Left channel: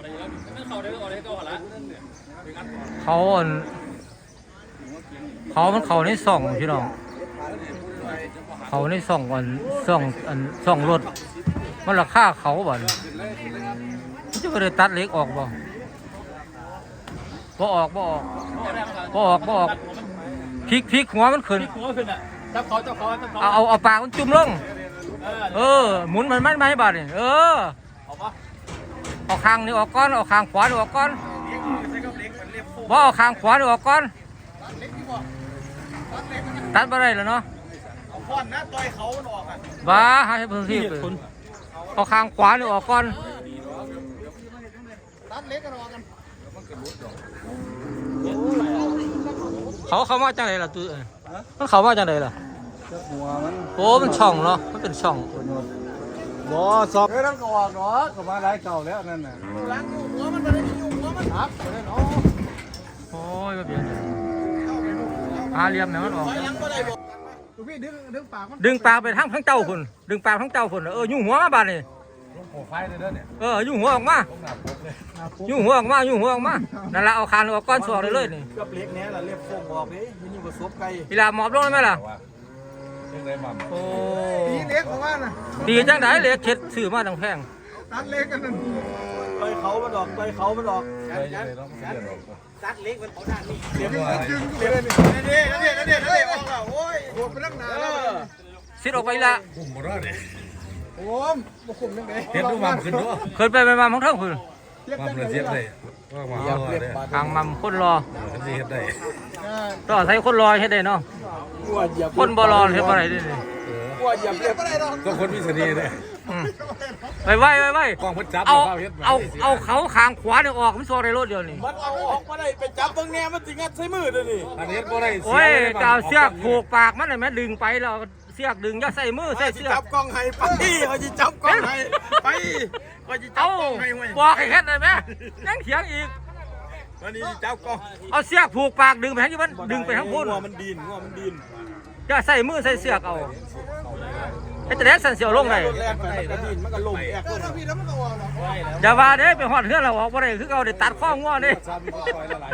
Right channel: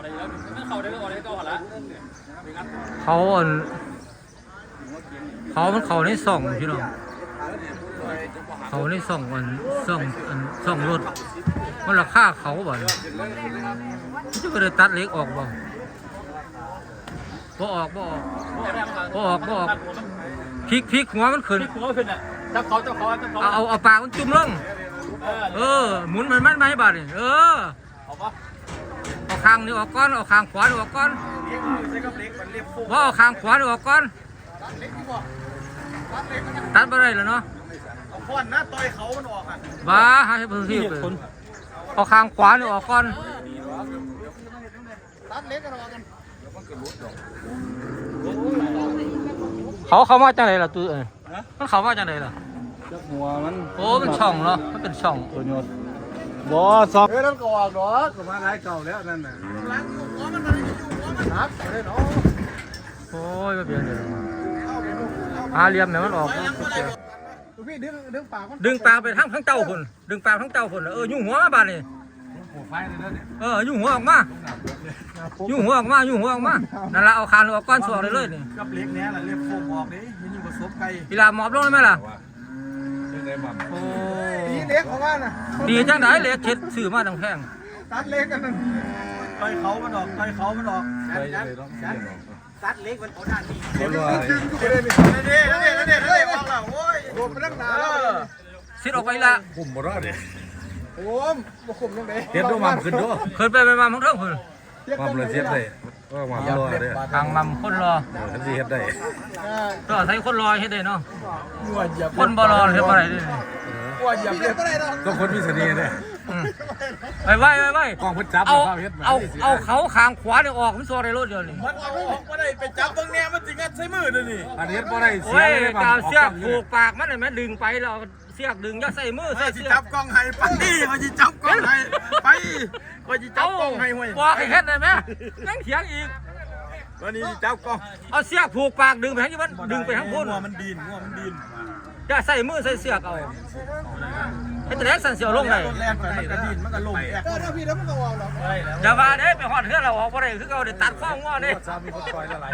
เขาได้ก็ออกได้ก็ออกละเขาอันเขามันเขาในส่องพี่น้อง เขาในส่องอันส่องอันส่องรถ มันราคาเขาบ่เนี่ยมันจะไปเลยตัดเหล็กออกบ่บ่ออกบ่ออกบ่ออกบ่ออกพลิกพลิกหัวมันขึ้นที่หัวขึ้นอะจับเขาจับเขาจับเขาเอาเอาเอาปากมันจุ่มลง เออเออหมุนมันมันไม่ให้บาดนี่เออเอาปะ เอาข้างนี้ออกก่อนเอาข้างขวานี่ออกก่อนว่าเอาข้างขวานี่ออกก่อนตัดบ่ได้แล้วเนาะควันนะต่อยเขามันออกอะบ้าให้เพิ่นที่เอาข้างขวานี่ออกก่อนตัดเล็กกันออกกันเขาเขามาจังไดล่ะตู้เอ้ยมันเขามาจังไดล่ะหัวมันโอ้มันช่องเนาะมันเป็นช่อง บ่ซอกเฮ้ยนั่นก็ออกเนาะก็มาหลายเก่าแล้วนั่นน่ะล้างอยู่หัวมันได้อยู่หัวมันครับเนาะโอ้ยบ่เปลี่ยนเดี๋ยวหาเหลี่ยมแม่มันออกพี่ดึงดึงปากมันดึงปลาไปทั้งทั้งเจ้าพุ่นดึงปลาทั้งเจ้าพุ่นเออยุ่งหัวมาบาดนี่โอ้ไฟเลยเด้อเนี่ยเออยุ่งหัวออกมายุ่งหัวออกมายุ่งหัวออกมานั่นละเอาคานออกก้อนสวกเลยเลยนี่กับเล็กเนี้ยล่ะเล็บโค้งออกดิมันยิ่งกว่าซบไก่เวลาหมอบลงได้ไหมล่ะ ยังได้มั่มโอ้ตีเล็กของมันน่ะดีจังไดเหล็กเช็ดซื้อมาตั้งแพงตัดเล็กกันนั่นต่อยเขามันออกต่อยเขามันออกไปเลยต้องเรียกออกตัดเล็กมันขนาดนี้เดี๋ยวมันดึงอยู่เลยนี่นี่นี่นี่นี่ออกแล้วโอ้ยโดนไปตั้งนานแล้วซิดออกไปละกลุ่มบ่รอดเลยโอ้มบ่คุมจังได๋เห็นต้องมั่มขึ้นเนาะเคยไปไปมาของเท่าพุ่นมั่มเลยเสียดเลย ว่ามั่มรอดเลยทางมัมคนรอกันสิเฮ็ดได้ก็ใส่คนรอเฮ็ดได้เนาะนัวเหยียบคนบ่รอเฮ็ดบ่ได้เด้ นี่นัวเหยียบเล็บบ่ได้ดอกก็คนมีเสน่ห์เลยอืมไปไว้ไว้ไว้กองเพิ่นจับเอาเขาเฮ็ดเอาเอาเขาขางขวานี่ออกมันสวกในรถเดียวนี่มันเอาออกมาได้ไปจับตรงแนวมันสิงัดใส่มือเด้อนี่อันนี้บ่ได้เสีโอ้ยยเลยกาวเสียกผูกปากมันน่ะแม่ดึงไปแล้วเสียกดึงอย่าใส่มือว่าใส่สิเสียจักบกล้องให้ไปว่าสิจับกล้องให้ไปว่าสิจับเอากล้องให้ห้วยบอกให้เฮ็ดได้ไหมยังเถียงอีกวันนี้สิจับกล้องเอาเสียกผูกปากดึงไปทางนี้มันดึงไปทางพุ่นงัวมันดินงัวมันดิน อย่าใส่มือใส่เสียกเอาไอ้แต่แรกสั่นเสียวลงไงรถแลนไปมันก็ดินมันก็ลงแอกก็ถ้าพี่แล้วมันก็ออกหรอกอย่าว่าเด้ไปหอดเฮือนเราออกบ่ได้คือเอาได้ตัดข้องัวนี่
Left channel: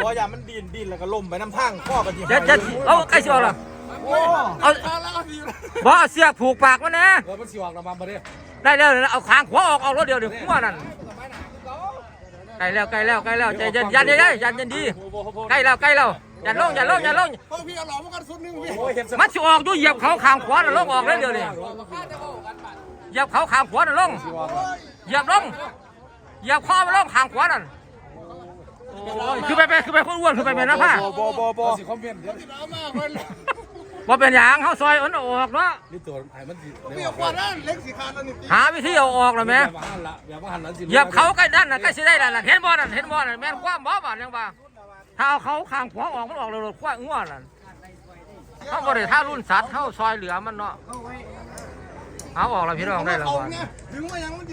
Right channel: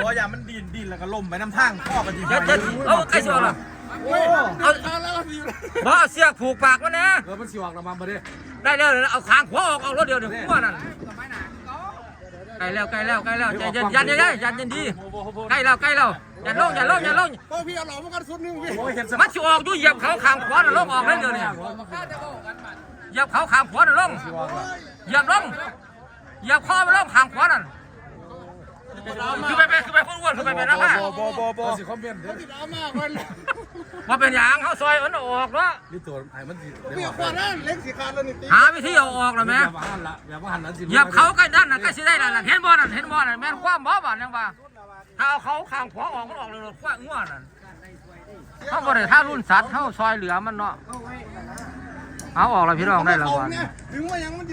บ่อย่ามันดินดินแล้วก็ล่มไปน้ำทางข้อกันสิอย่าอย่าเอาใกล้สิออกล่ะโอ้เอาบ่เอาเสียกผูกปากมันนะเออมันสิออกน้ำมันบ่ได้ได้แล้วเอาขางขวออกออกรถเดียวเดี๋ยวงัวนั่น ใกล้แล้วใกล้แล้วใกล้แล้วใจเย็นยันยันยันยันยันดีใกล้แล้วใกล้แล้วอย่าลงอย่าลงอย่าลงโอ้พี่เอาหลอมมันกันสุดนึงพี่โอ้ยเห็นมันสิออกอยู่เหยียบเขาขางขวาน่ะลงออกเลยเดี๋ยวนี้เหยียบเขาขางขวาน่ะลงเหยียบลงเหยียบคอมันลงขางขวานั่น คือไปไปคือไปคนอ้วนคือไปไปนะพ่บ่บ่บ่บ่สิคอมเมนต์เด้อเอามาคนว่าเป็นอย่างเขาซอยอันออกเนาะนี่ตัวให้มันสิพี่เอาควันนั้นเล็กสีขาดแล้วนี่หาวิธีเอาออกเลยไหมอย่ามาหันละอย่ามาหันนั้นสิเหยียบเขาใกล้ด้านน่ะใกล้สิได้แล้วนั่นเห็นบ่นั่นเห็นบ่นั่นแม่นความบ่บ่ยังบ่าถ้าเอาเขาข้างขวาออกมันออกเลยคว้างัวนั่นเขาบ่ได้ถ้ารุ่นสัตว์เขาซอยเหลือมันเนาะเอาออกแล้วพี่น้องได้แล้วเอาบ่เนี่ยถึงว่ายังมัน